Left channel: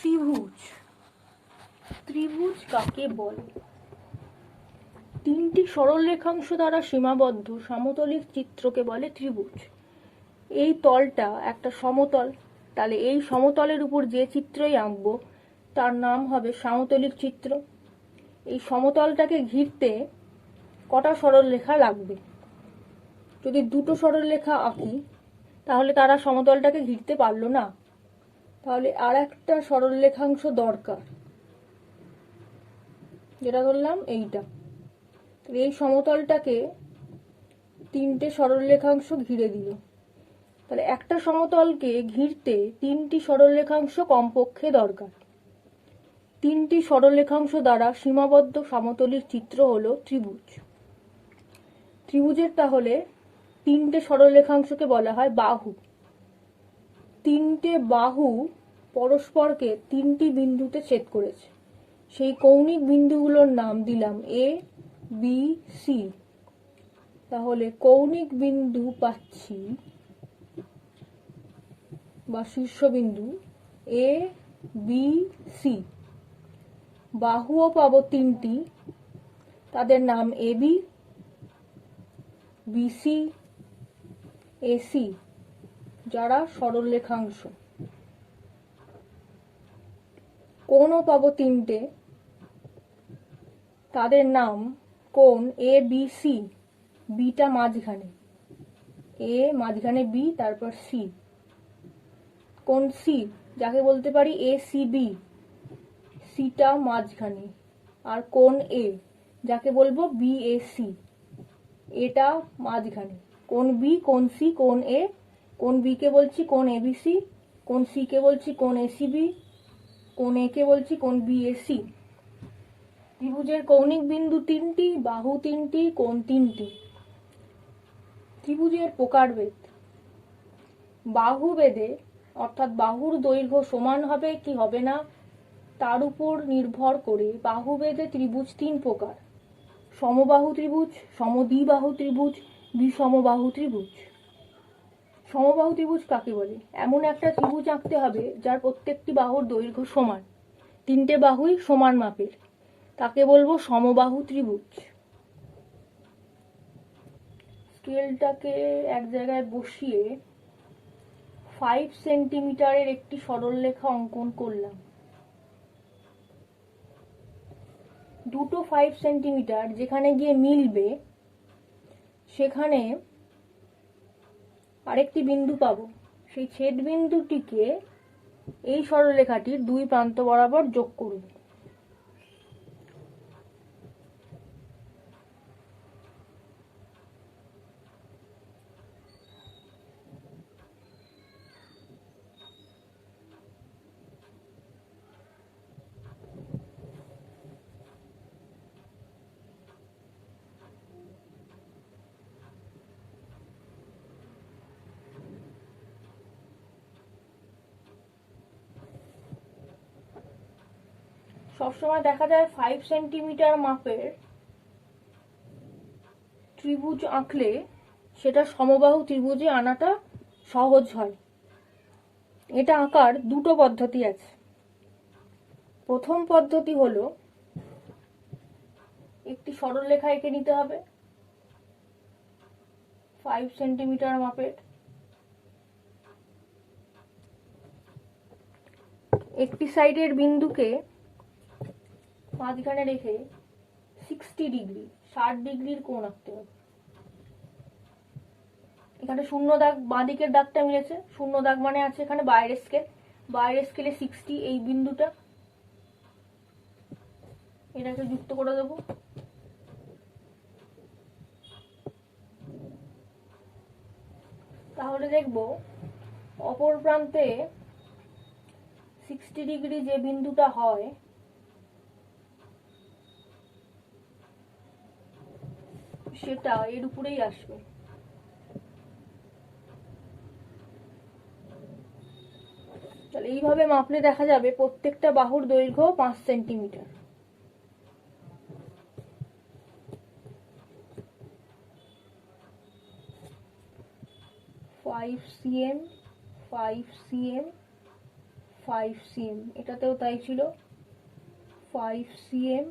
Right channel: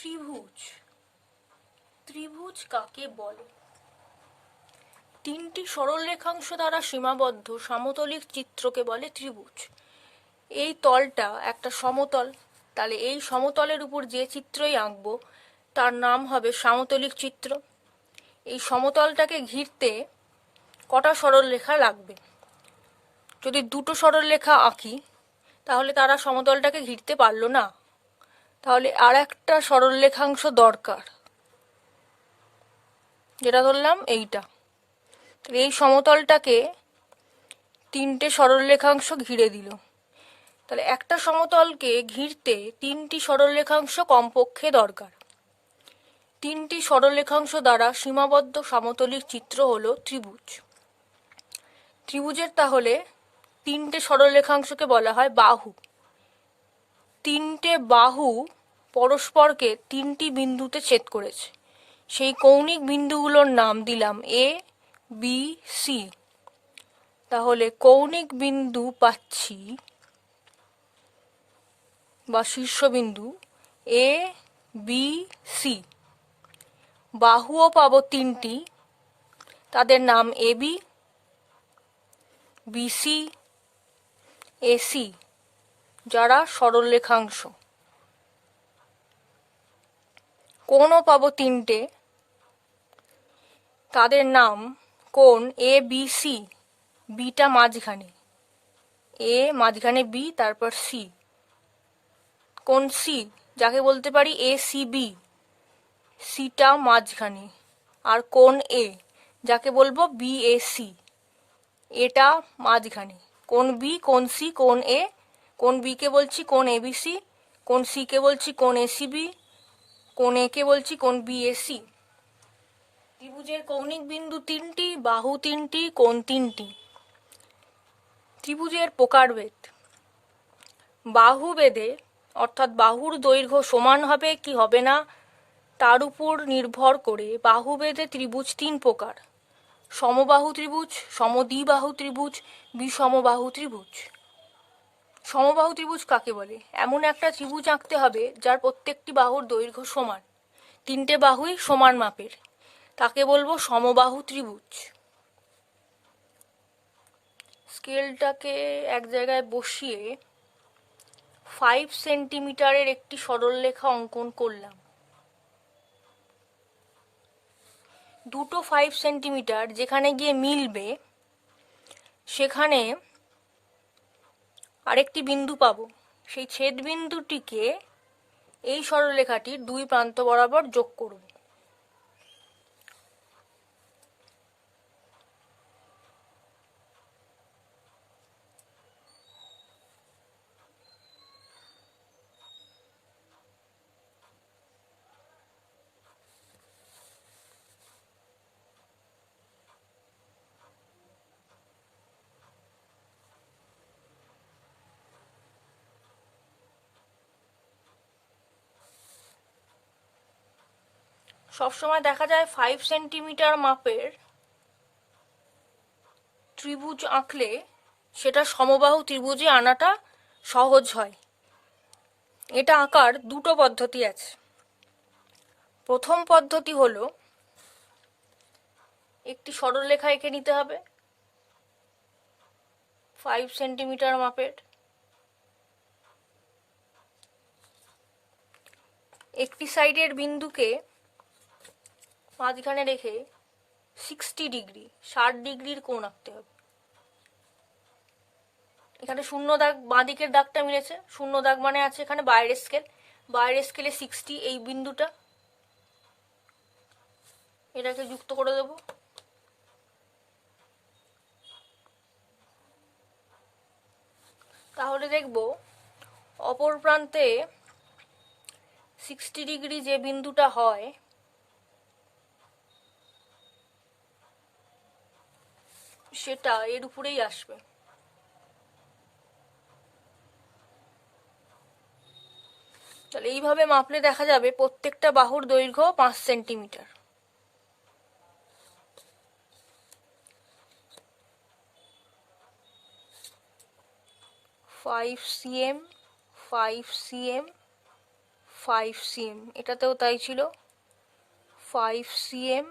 ত্রিভুজ। ত্রিভুজ কাকে বলে? তিনটি সরল রেখাংশ দ্বারা সীমাবদ্ধ সমতলিক চিত্রকে বলে ত্রিভুজ। এই তলটা একটা সমতল, তাহলে এই সমতলের উপর যে চিত্রই আঁকবো তার নাম হবে সমতলিক চিত্র। এই সমতলটাকে ঘিরতে কটা সরল রেখা লাগবে? যদি দুটো সরল রেখা আঁকি তাহলে তারা সমতলটাকে ঘিরতে পারলো না, তাহলে আর একটা সরল রেখাংশ দরকার, যেটা ধরলাম এইটা। এই সমতলটাকে তিনটে সরল রেখাংশ ঘিরে দিল, তাহলে একটা সমতলকে ঘিরতে তিনটি সরল রেখাংশ কমপক্ষে দরকার। তিনটি সরল রেখাংশ দ্বারা সীমাবদ্ধ সমতলিক চিত্র হলো ত্রিভুজ। ত্রিভুজের তাহলে তিনটে সরল রেখাংশকে বলা হয় বাহু। তিনটে বাহু পরস্পরকে তিনটি বিন্দুতে ছেদ করেছে, সেই কৌণিক বিন্দুগুলোর নাম দিলাম এ, বি, সি। তাহলে কৌণিক বিন্দু পাচ্ছি বা শীর্ষবিন্দু এ, বি, সি। বাহুও পাবো তিনটি, তাদের নাম এবি, বিসি, এসি, যারা সরল রেখাংশ। কোণও পাবো তিনটে, তাদের নাম কোণ এ, বি, সি। বিটা মাঝখানে, এ মাঝখানে বি, তারপর সি। কোণ সি, যাকে বলতে পারি এ সি বি, সিটা মাঝখানে। আর কোণ এ, যাকে বলবো বি এ সি, এটা মাঝখানে। কোণ বি, কোণ সি, কোণ এ। কোণ বি কে বলছি কোণ এ বি সি, কোণ সি কে বলছি কোণ এ সি বি, কোণ এ কে বলছি কোণ বি এ সি। ত্রিভুজের কৌণিক বিন্দু তিনটি, বাহু তিনটি, কোণ তিনটি। ত্রিভুজের প্রকারভেদ। বাহুভেদে অর্থাৎ বাহুর দৈর্ঘ্য সমান হবে কি হবে না তার উপর নির্ভর করে বাহুভেদে ত্রিভুজ তিন প্রকার: সমবাহু ত্রিভুজ, সমদ্বিবাহু ত্রিভুজ, বিষমবাহু ত্রিভুজ। সমবাহু ত্রিভুজ কাকে বলে? এমন একটা ত্রিভুজ আঁকতে হবে যার প্রত্যেকটি বাহুর দৈর্ঘ্য সমান, তিনটে বাহুই সমান মাপের, তাকে বলবো সমবাহু ত্রিভুজ। স্কেলটাকে এক জায়গায় বসিয়ে 5 সেন্টিমিটারের একটি সরলরেখা অঙ্কন করলাম। দুটো 5 সেন্টিমিটার যেখানে গিয়ে মিলবে সেখানে আরেকটি বিন্দু পাবো। সেই ছেদ বিন্দুটিকে এই সরলরেখাটির দুই প্রান্ত বরাবর যোগ করব। সবসময় দেখা যায় 5 সেন্টিমিটার মাপের ত্রিভুজ আঁকলে সেটা সমবাহু ত্রিভুজে আনাটা সহজ হয়। এটা আঁকার দুটো পদ্ধতি আছে। প্রথম পদ্ধতি হলো একটি সরলরেখা এঁকে নিতে হবে 5 সেন্টিমিটার মাপের। একটি সাইডের বিন্দুকে মাঝখানে রেখে 60 ডিগ্রি 60 ডিগ্রির কোণ আঁকতে হবে। এখানে শূন্য দাগ, বাঁ দিকের দাগটা মিলেছে, শূন্য দাগ মানে আছে এখানে বাইরের স্কেল, বাইরের স্কেলে 60, এই বিন্দুটা এটাকে যুক্ত করে দেব। তাহলে দেখব অপর প্রান্তে 60 ডিগ্রি যে বিন্দুটা হয় সেটা এর উপরেই আসবে। তাহলে এইভাবে মাপলে দেখা যাবে প্রত্যেকটা বাহুর দৈর্ঘ্য 5 centimetre. Five CM, 5 cm, 5 cm, এটাতেও তাই ছিল, 5 cm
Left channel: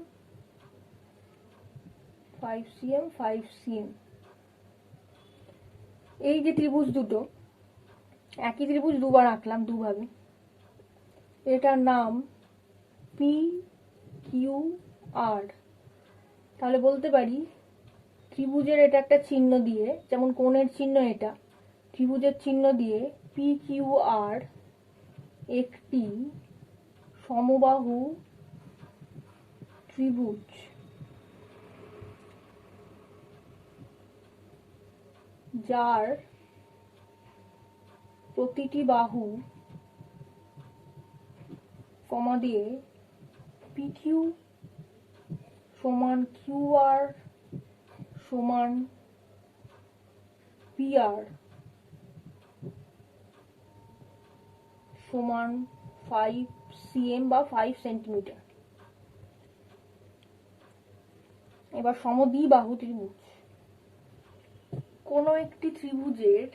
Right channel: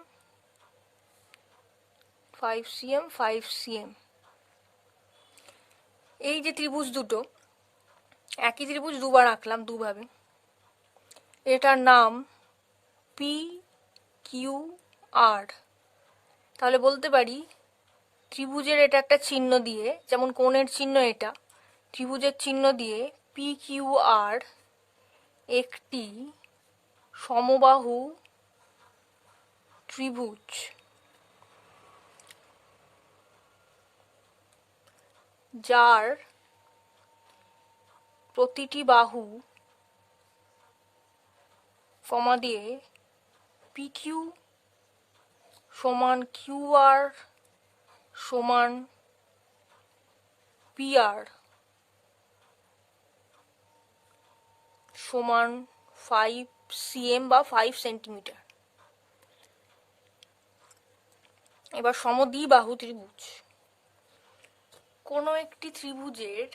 5 cm 5 cm। এই যে ত্রিভুজ দুটো, একই ত্রিভুজ দুবার আঁকলাম দুভাবে, এটার নাম পি কিউ আর। তাহলে বলতে পারি ত্রিভুজের এটা একটা চিহ্ন দিয়ে, যেমন কোণের চিহ্ন এটা, ত্রিভুজের চিহ্ন দিয়ে পি কিউ আর একটি সমবাহু ত্রিভুজ। যার প্রতিটি বাহু কমা দিয়ে পি কিউ সমান কিউ আর সমান পি আর সমান 5 cm বা 5 সেন্টিমিটার। এবার সমদ্বিবাহু ত্রিভুজ, কোনো একটি ত্রিভুজের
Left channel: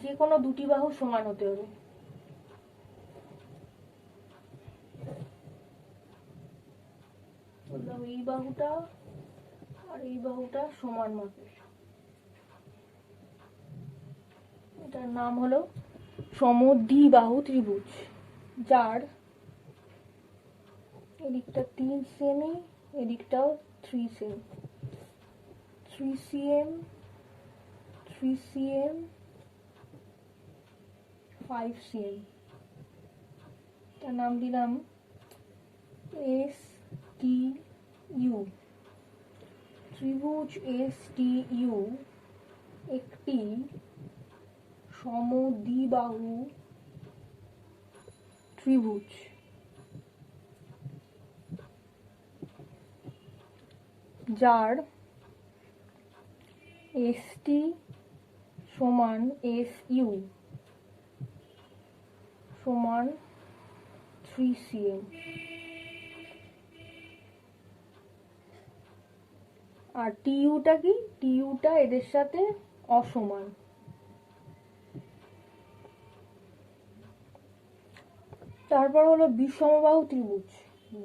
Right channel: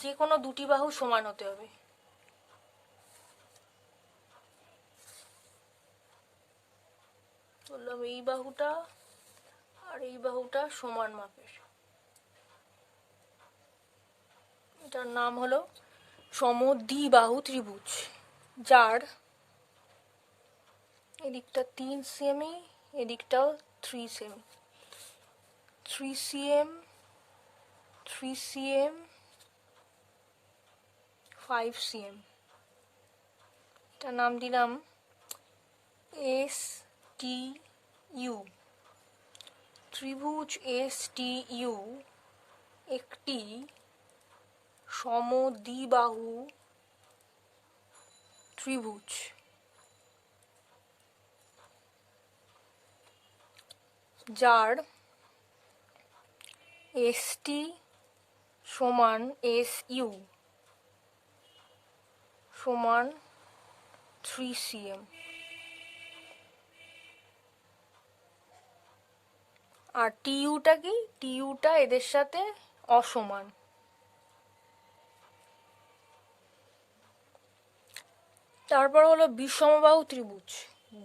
যে কোনো দুটি বাহু সমান হতে হবে। বললাম এই বাহুটা আর এই বাহুটা সমান মাপের, এটার নাম হলো সমদ্বিবাহু ত্রিভুজ। যার এদিকটা 3 cm, এদিকটাও 3 cm, 3 cm 3 cm 5 cm। এটার নাম দিলাম এস টি ইউ। ত্রিভুজ এস টি ইউ একটি সমদ্বিবাহু ত্রিভুজ। যার এস টি সমান এস ইউ সমান 3 cm, আর টিইউটা কি, টিইউটা এদের সাথে অসমান। তারপর হলো বিষমবাহু ত্রিভুজ,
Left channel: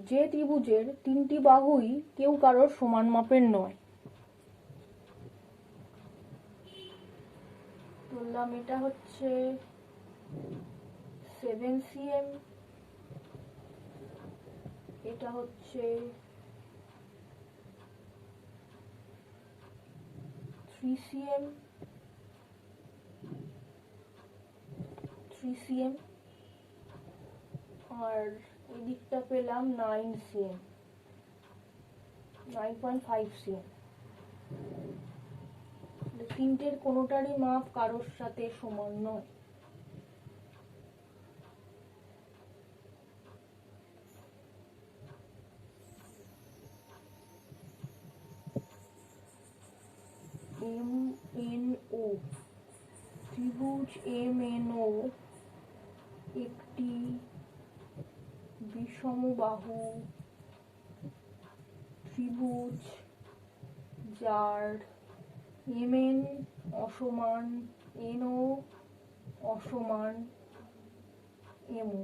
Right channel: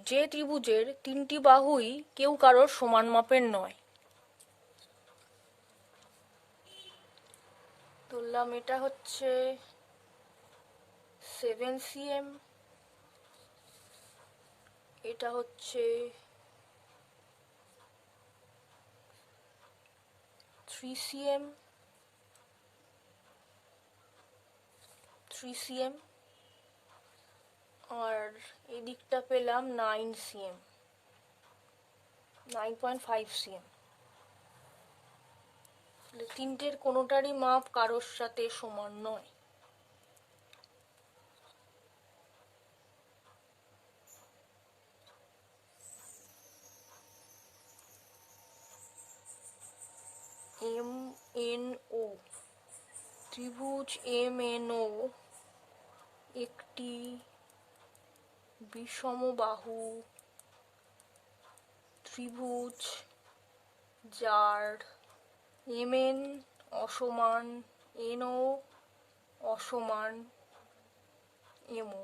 যে ত্রিভুজের তিনটি বাহুই কেউ কারোর সমান মাপের নয়। ধরলাম এটা হচ্ছে 7 cm, এটা হচ্ছে 3 cm 3 cm, আর এদিকটা পেলাম 9 cm 9.5 cm। তিনটের কোনোটারই মাপ কারোর সাথে সমান নয়। এম এন ও ত্রিভুজ এম এন ও একটি বিষমবাহু ত্রিভুজ যার এম এন অসমান এন ও অসমান এম ও।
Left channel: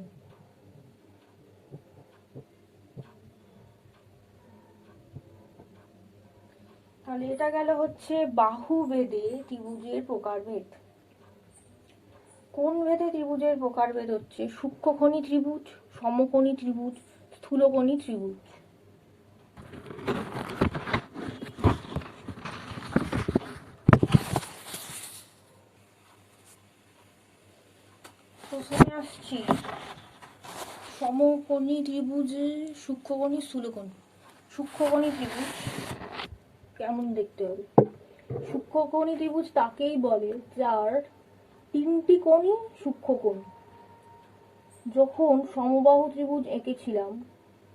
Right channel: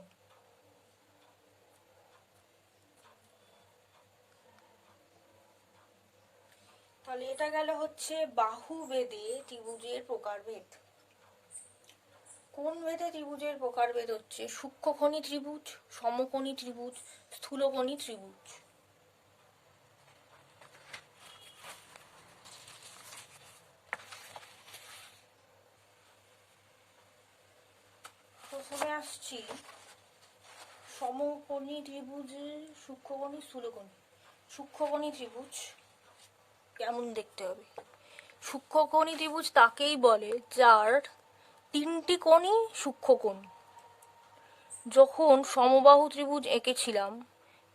তাহলে এটা গেল হচ্ছে বাহু ভেদে ত্রিভুজের প্রকারভেদ। কোন ভেদে ত্রিভুজের প্রকারভেদ হচ্ছে সূক্ষ্মকোণী ত্রিভুজ, সমকোণী ত্রিভুজ, স্থূলকোণী ত্রিভুজ। প্রথমে আসছি সমকোণী ত্রিভুজে সূক্ষ্মকোণী স্থূলকোণী। সূক্ষ্মকোণী ত্রিভুজ কেমন দেখতে হবে? সূক্ষ্মকোণী ত্রিভুজ তাকেই বলে যার তিনটি কোণই সূক্ষ্মকোণ। যখন সমবাহু ত্রিভুজ এঁকেছিলাম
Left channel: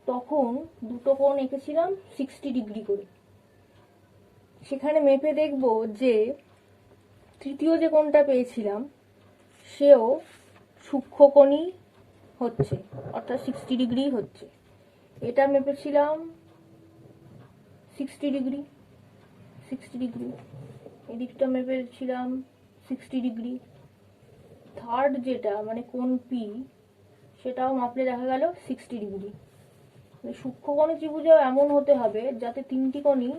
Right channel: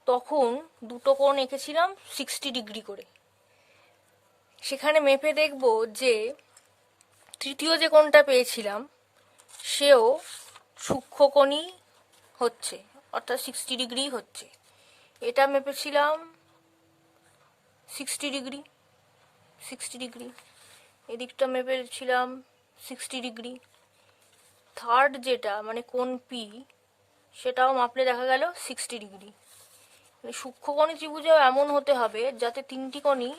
তখন দুটো কোণ এঁকেছিলাম 60 ডিগ্রি করে। সেখানে মেপে দেখব যে তৃতীয় যে কোণটা পেয়েছিলাম সেও সূক্ষ্মকোণই হচ্ছে, অর্থাৎ 60 ডিগ্রি হচ্ছে। এটা মেপেছিলাম 60 ডিগ্রি 60 ডিগ্রি, এদিকটা মেপেছিলাম 60 ডিগ্রি। থার্ড যেটা মানে কোণ পি, সেটাও মাপলে দেখা গেল 60 ডিগ্রি। সূক্ষ্মকোণী ত্রিভুজেও এমন হতে হবে যাতে তিনটি কোণই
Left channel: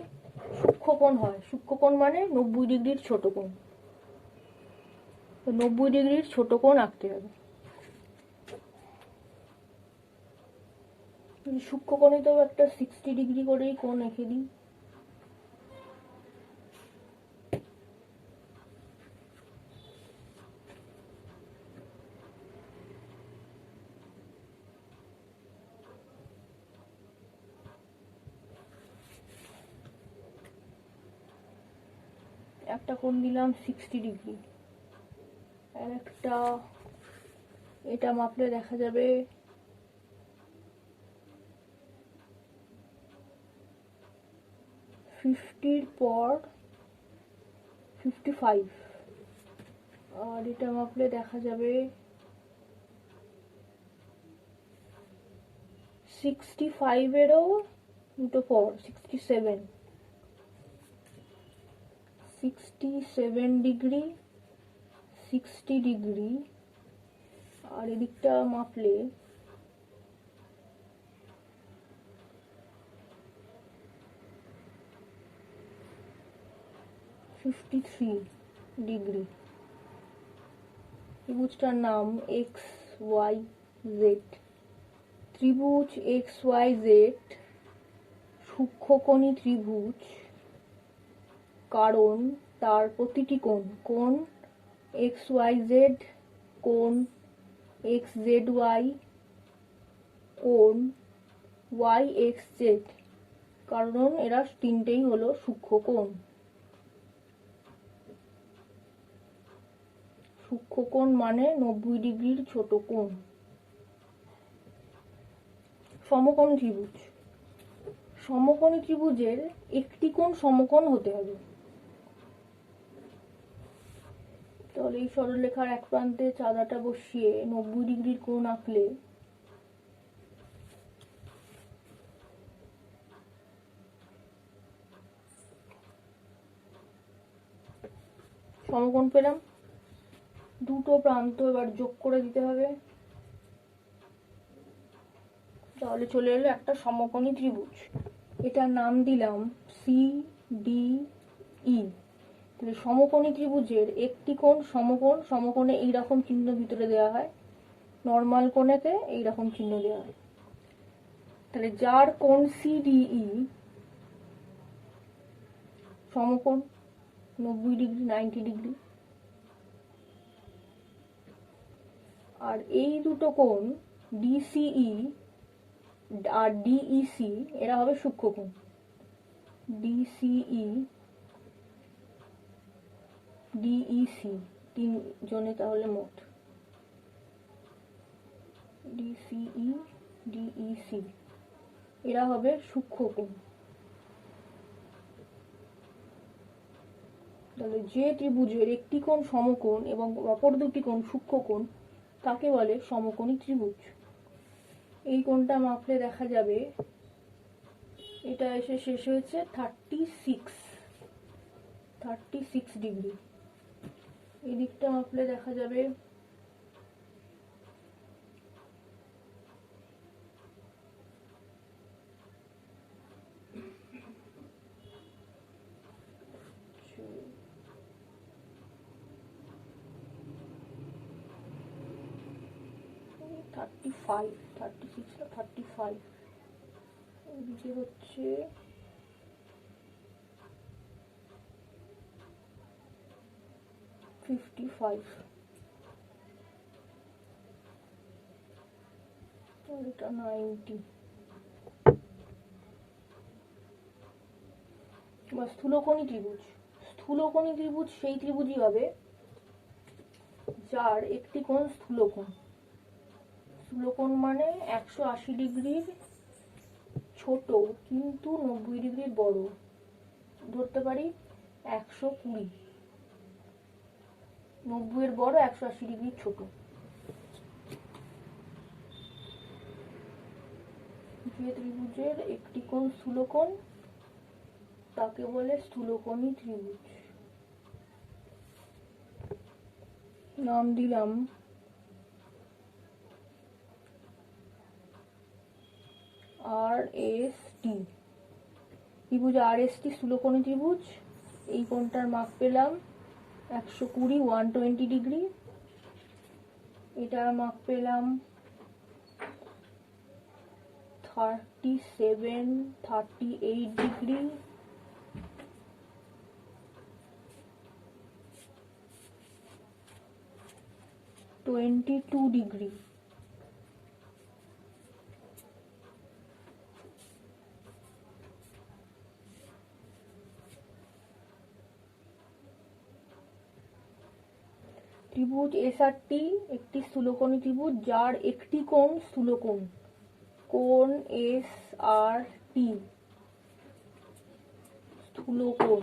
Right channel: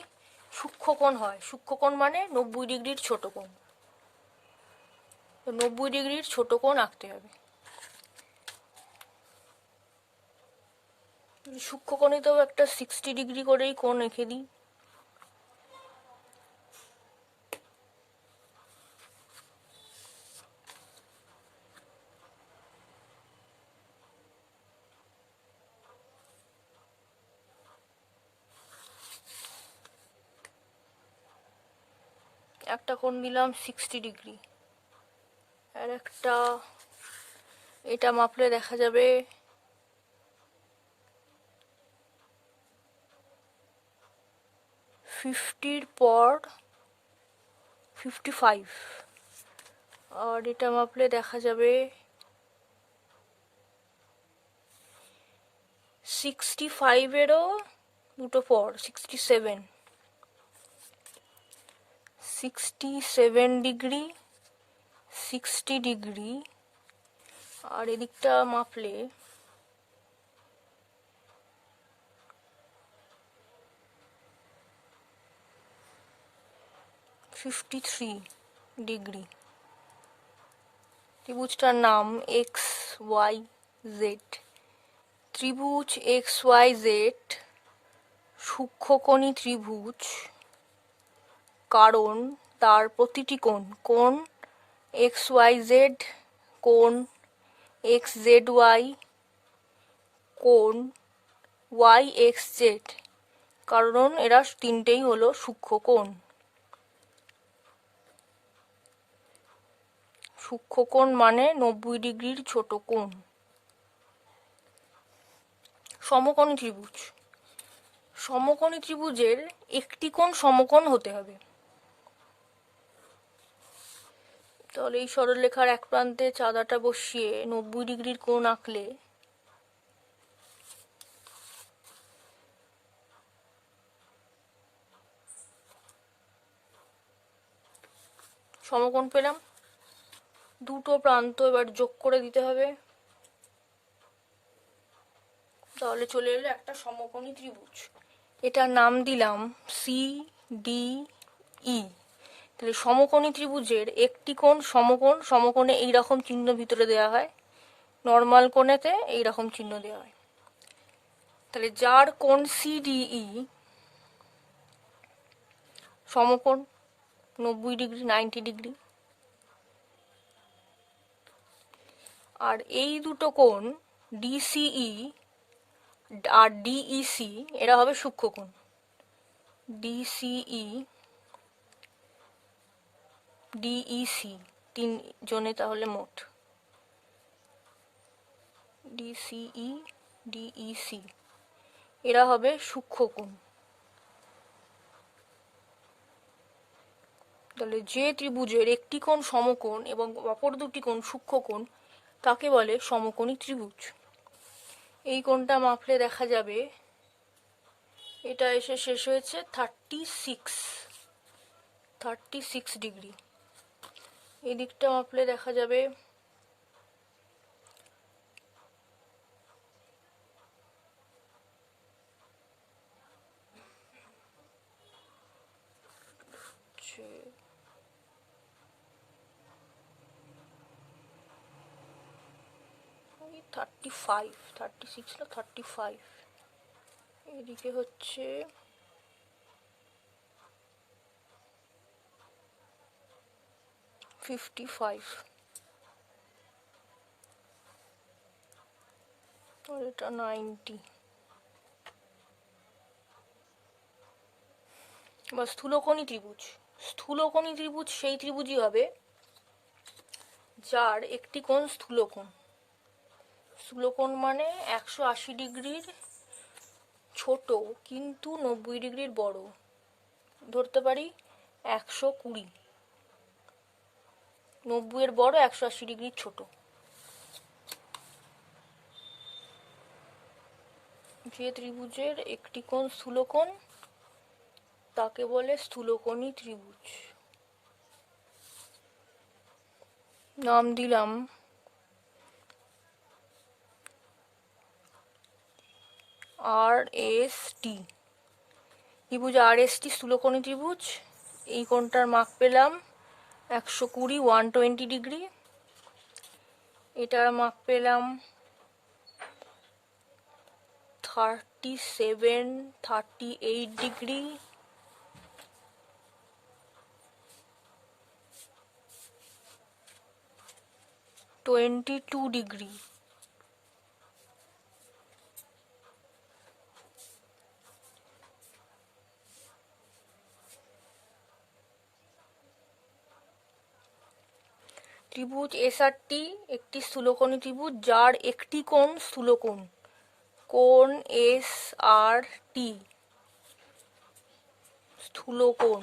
সূক্ষ্মকোণ হয়। সূক্ষ্মকোণ মানে 90 ডিগ্রির ছোট কোণ। তো 90 ডিগ্রির ছোট কোণ আঁকতে হবে। সূক্ষ্মকোণীতেও একটা 60 ডিগ্রি করেই কোণ এঁকে দিই। একটা কোণ দিলাম 60 ডিগ্রি, আর একটা এটা মাপলে দেখা যাবে 50 পর 55, আর এটা মাপলে দেখা যাবে 65-এরও দুটো পর 67 ডিগ্রি, 60 ডিগ্রি, আর এদিকটা মাপলে 53 ডিগ্রি। ত্রিভুজটার নাম XYZ। ত্রিভুজ XYZ সূক্ষ্মকোণী ত্রিভুজ, কারণ তার প্রতিটি কোণ XYZ, কোণ XZY, কোণ YXZ, কারণ এরা তিনটেই হলো সূক্ষ্মকোণ। সূক্ষ্মকোণ মানে 90 ডিগ্রির ছোট কোণ। সমকোণী ত্রিভুজ, সমকোণী ত্রিভুজের একটি কোণ সমকোণ হতে হবে। তাহলে এই সরলরেখার এক প্রান্তে চাঁদাটা বসিয়ে 90 ডিগ্রির কোণ আঁকলে সমকোণ পেলাম। দুটো প্রান্ত এবার যোগ করে দিতে হবে, তাহলে চলে এলো একটা সমকোণী ত্রিভুজ। এটার নাম দিলাম CDE। তাহলে সমকোণী ত্রিভুজের একটি কোণ সমকোণ, সমকোণে এইরকম চিহ্ন ভিতরে দেওয়া হয়, নর্মাল কোণেতে এইরকম চিহ্ন দেওয়া হয়। তাহলে যার কোণ CDE সমকোণ 90 ডিগ্রি, 90 ডিগ্রি, আর এই দুটো কোণ DCE আর DEC এরা হবে সূক্ষ্মকোণ। DCE DEC তিনজনে তাহলে মোট DCE DEC এরা হবে সূক্ষ্মকোণ। তাহলে যে ত্রিভুজের একটি কোণ সমকোণ এবং অপর দুটি কোণ সূক্ষ্মকোণ তাকে বলে সমকোণী ত্রিভুজ। এই কোণটা মাপলে দেখা যাবে এটা এসে শেষ হয়েছে 36 ডিগ্রি। এই দিকটা মাপলে দেখা যাবে 36 না 35, এদিকে হচ্ছে 55, আর এটা 90। বা স্থূলকোণী ত্রিভুজ, স্থূলকোণী ত্রিভুজ সেই ত্রিভুজই হবে যার একটি কোণ স্থূলকোণ। স্থূলকোণ মানে 180 ডিগ্রির ছোট কিন্তু 90 ডিগ্রির বড়। ধরতে পারি 120, 90 এর বড়, 180 ডিগ্রির ছোট। যে ত্রিভুজের একটি কোণ স্থূলকোণ তাকে বলে স্থূলকোণী ত্রিভুজ। নাম দিলাম RST। ত্রিভুজ RST স্থূলকোণী ত্রিভুজ। এই কোণটার মাপ পেলাম 120, 120 ডিগ্রি। এটার মাপ পেলাম 37, 38 ডিগ্রি। $22 ডিগ্রি। ত্রিভুজ SRT একটি স্থূলকোণী ত্রিভুজ যার একটি কোণ স্থূলকোণ। কোণ SRT স্থূলকোণ।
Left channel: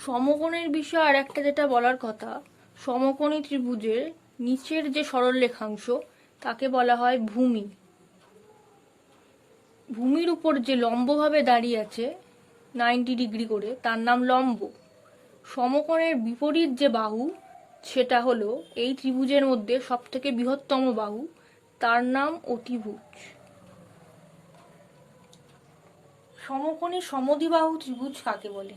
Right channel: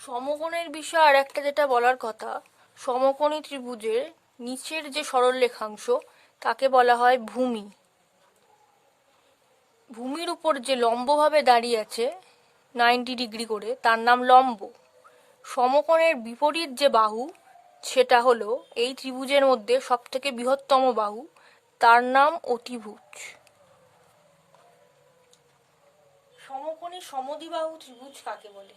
সমকোণের বিষয়ে আর একটা যেটা বলার কথা, সমকোণী ত্রিভুজের নিচের যে সরলরেখাংশ তাকে বলা হয় ভূমি। ভূমির উপর যে লম্বভাবে দাঁড়িয়ে আছে 90 ডিগ্রি করে তার নাম লম্ব। সমকোণের বিপরীত যে বাহু সেটা হলো এই ত্রিভুজের মধ্যে সবথেকে বৃহত্তম বাহু, তার নাম অতিভুজ। সমকোণী সমদ্বিবাহু ত্রিভুজ কাকে বলে?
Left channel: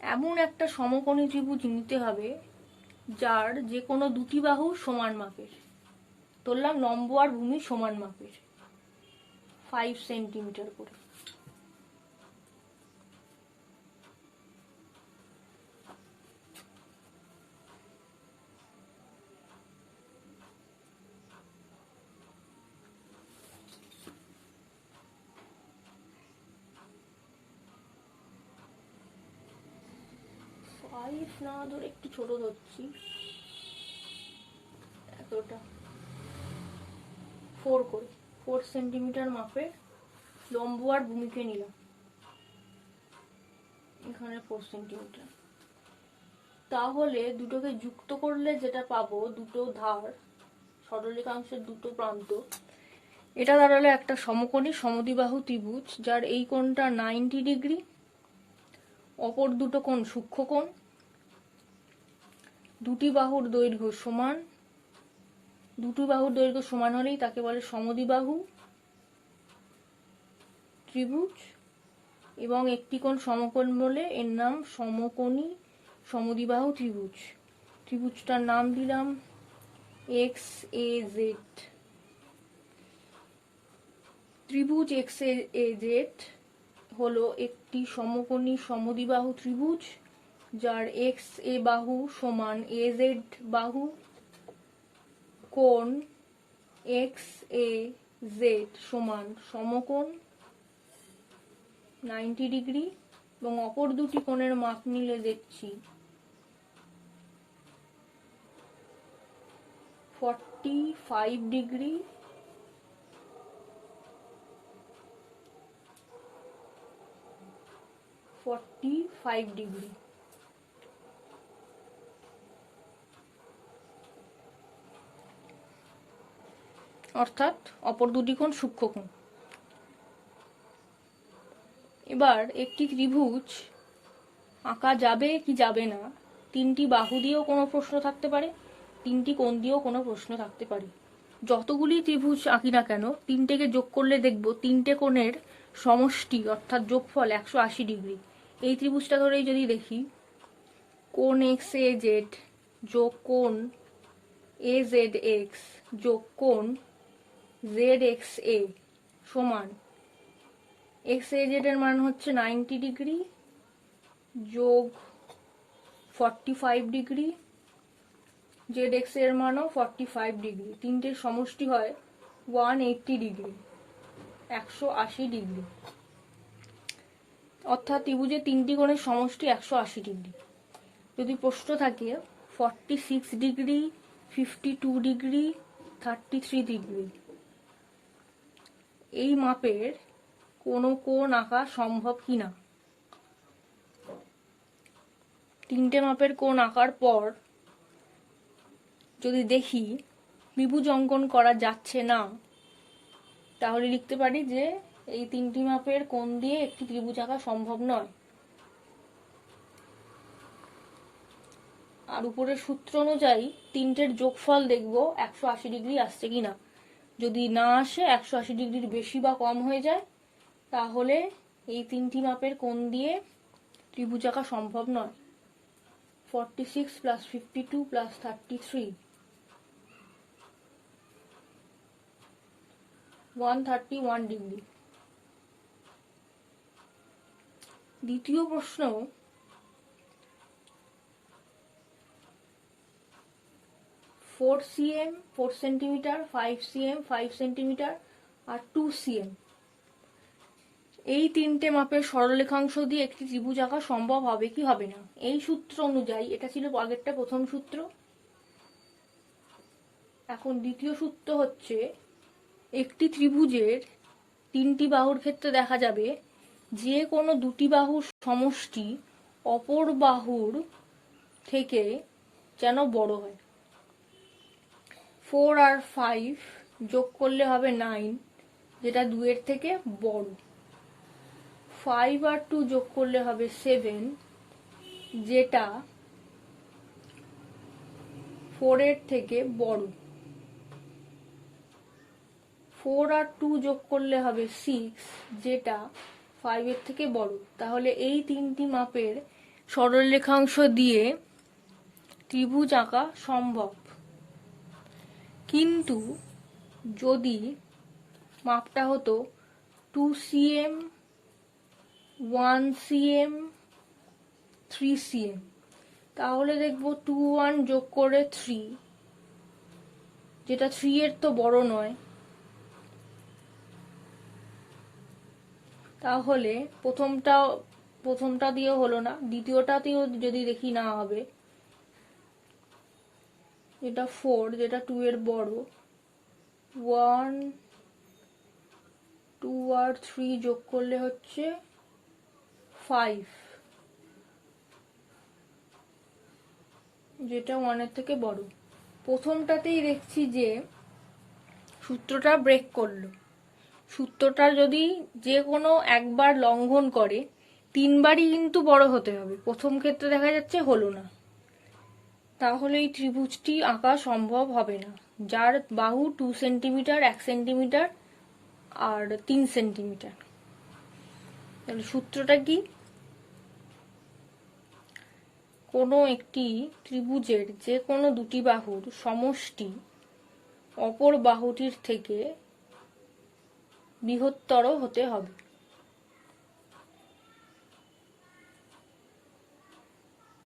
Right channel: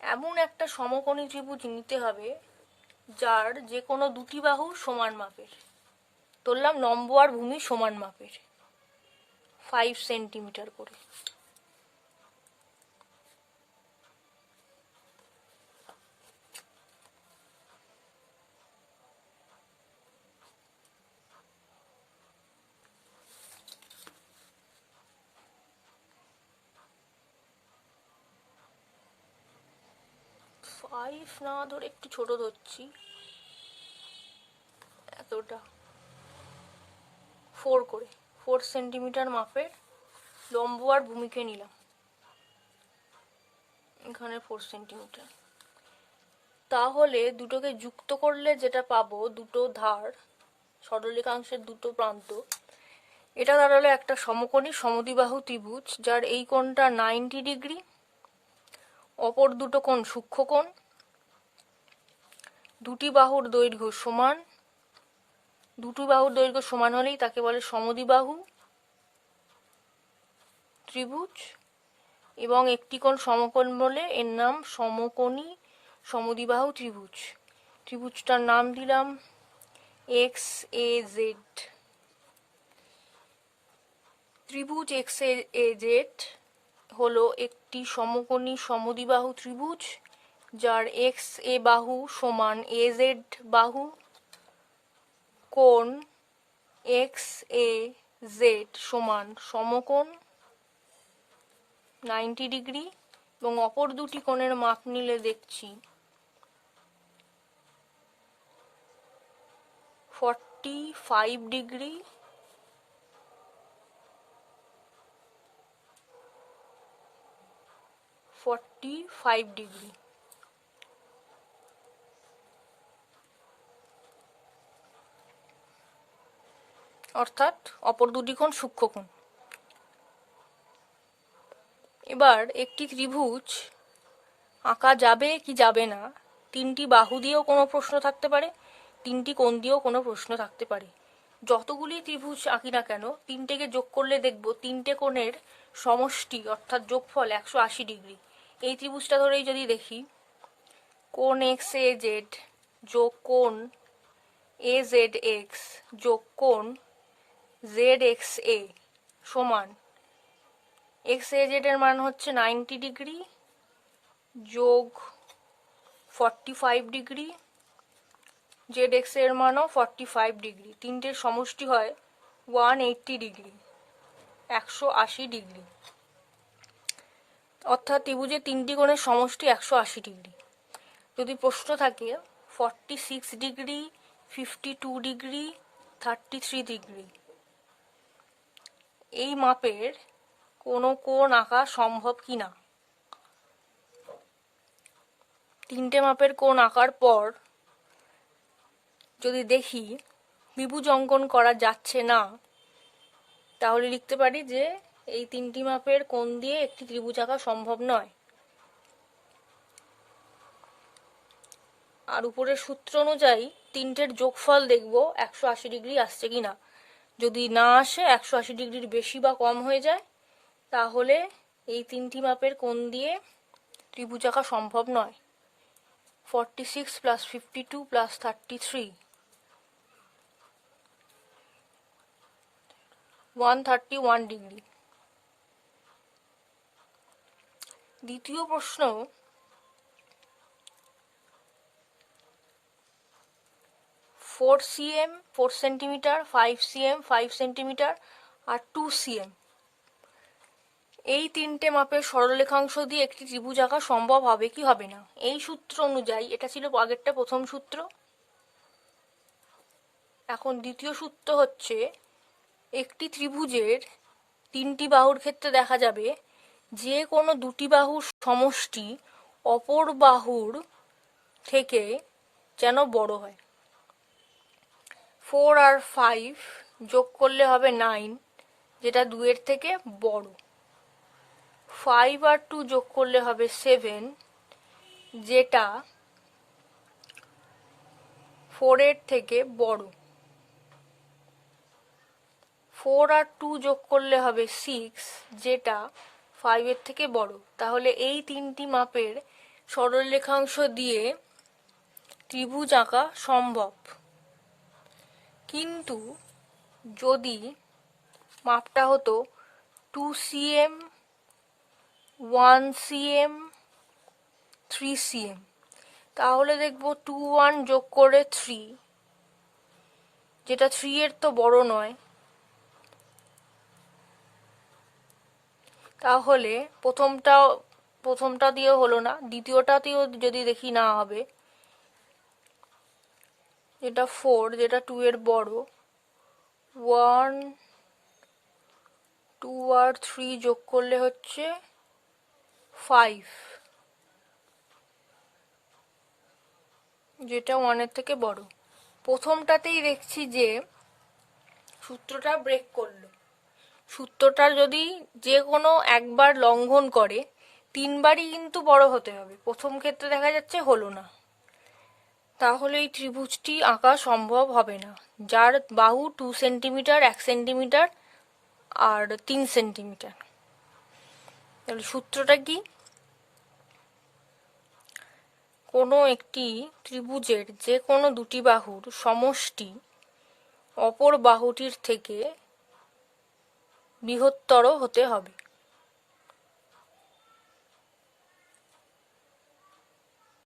এমন একটা সমকোণী ত্রিভুজ নিতে হবে যার যে কোনো দুটি বাহু সমান মাপের। ধরলাম লম্ব আর ভূমি সমান মাপের, 5 সেন্টিমিটার করে। ফাইভ না ধরে একটু ছোট ধরছি, এতটা 4 করে, 4 সেন্টিমিটার মাপের লম্ব আর ভূমিকে নিলাম, এখানে 4 সেন্টিমিটার। তাহলে দুটোকে যুক্ত করলে যেটা পাবো, দুটো ধার সরলরেখাংশের দুটো প্রান্ত, এটা দাঁড়ালো একটা সমকোণী সমদ্বিবাহু ত্রিভুজ যার এই কোণটা 90 ডিগ্রি, অপর দুটো কোণ সূক্ষ্মকোণ, দুটি বাহুর দৈর্ঘ্য সমান। দুটি বাহুর দৈর্ঘ্য সমান হলেই তাকে বলে সমদ্বিবাহু ত্রিভুজ, এবং একটি কোণ সমকোণ বলে এর নাম সমকোণী সমদ্বিবাহু ত্রিভুজ। ত্রিভুজটার নাম দিলাম XAZ। ত্রিভুজ XAZ হলো একটি সমকোণী সমদ্বিবাহু ত্রিভুজ যার XA বাহু সমান AZ বাহু। কোণ XAZ সমান সমকোণ 90 ডিগ্রি, এবং অপর দুটি কোণের মাপ নিলে দেখছি 45 ডিগ্রি, অর্থাৎ অপর দুটি কোণ সূক্ষ্মকোণ। এবার একটি ত্রিভুজ আঁকা যাবে কি যাবে না, তিনটি বাহু দিয়েও কোনো প্রশ্ন থাকতে পারে, তিনটি কোণ দিয়েও কোনো প্রশ্ন থাকতে পারে। যতগুলি ত্রিভুজ আঁকি না কেন, তিনটেকে যোগ করলে দেখব তিনটে কোণের সমষ্টি অর্থাৎ যোগফল 180 ডিগ্রি। এই ত্রিভুজটা ধরেই যদি দেখি, কোণ XAZ যোগ কোণ AZX যোগ কোণ ZXA সমান XAZ এর মান হচ্ছে 90 ডিগ্রি যোগ 45 ডিগ্রি, ZXA এর মানও 45 ডিগ্রি। তিনটের সমষ্টি হয় 180 ডিগ্রি, 180 ডিগ্রি। অর্থাৎ ত্রিভুজের তিনটি কোণের সমষ্টি 180 ডিগ্রি। যদি প্রশ্ন থাকে 46 ডিগ্রি, 52 ডিগ্রি, 33 ডিগ্রি, এই মাপের কোনো কোণ আঁকা সম্ভব কিনা। তিনটে মাপের কোণ আঁকার পর যদি দেখি ত্রিভুজ অঙ্কন করা যাচ্ছে না, তাহলে লিখতে পারি যে এই তিনটি মাপের কোণ দিয়ে একটি ত্রিভুজ আঁকা সম্ভব নয়। আর উপরের সূত্র অনুযায়ী তিনটের যোগফল দেখব 180 ডিগ্রি আসছে কিনা। যদি না আসে, 180 ডিগ্রির বেশি বা কম হয়ে যায়, তাহলে এই তিনটি মাপের কোণ দিয়ে ত্রিভুজ আঁকা সম্ভব নয়। 46 + 52 + 33, 131 ডিগ্রি। দ্বিতীয় প্রশ্ন, 4 cm 4 সেন্টিমিটার, 5 cm 5 সেন্টিমিটার আর 2 cm, এই তিনটে মাপের সরলরেখাংশ দিয়ে একটি ত্রিভুজ আঁকা সম্ভব হবে কি হবে না। এই সূত্র অনুযায়ী, এটা ছিল আগেরটা প্রথম সূত্র, এখন দ্বিতীয় সূত্র হচ্ছে একটি ত্রিভুজের তিনটি বাহুর ক্ষেত্রে দেখা যাবে যে কোনো দুটি বাহুর সমষ্টি অপর বাহুর থেকে যেন বড় হয়। 4 আর 5 যোগ করলে হবে 9, যেটা 2 এর থেকে বড়। 5 আর 2 যোগ করলে হবে 7, যেটা 4 এর থেকে বড়। 4 আর 2 যোগ করলে হবে 6, যেটা 5 এর থেকে বড়। তাহলে এই তিনটি মাপের সরলরেখাংশ দিয়ে ত্রিভুজ আঁকা সম্ভব। কিন্তু যদি মাপটা হতো 2 cm, 1 cm, 3 cm, তাহলে দেখব 2 1 যোগ করে 3, যেটা 3 এর তো বড় নয়। তাহলে প্রথমটা দিয়েও হলো না, দ্বিতীয়টাতেও যদি দেখি না হবে, যেটা 4, যেটা 2 এর বড়। 1 2 আর 3 যোগ করলে হচ্ছে 5, যেটা 1 এর থেকে বড়। প্রথমটাতেই দেখছি যে সূত্রটা ব্রেক করলো। সূত্রটা যদি যে কোনো একবার লঙ্ঘন করে, 3বারই কিন্তু বড় হতে হবে। প্রথম ক্ষেত্রে দেখা যাচ্ছে হলো না, তাহলে এই ত্রিভুজটি আঁকা সম্ভব হবে না, যার বাহু 2 সেন্টিমিটার, 1 সেন্টিমিটার আর 3 সেন্টিমিটার। তাহলে সূত্রটা কি? কোনো একটি ত্রিভুজের যে কোনো দুটি বাহুর সমষ্টি অপর বাহুটির থেকে বৃহত্তর হতে হবে।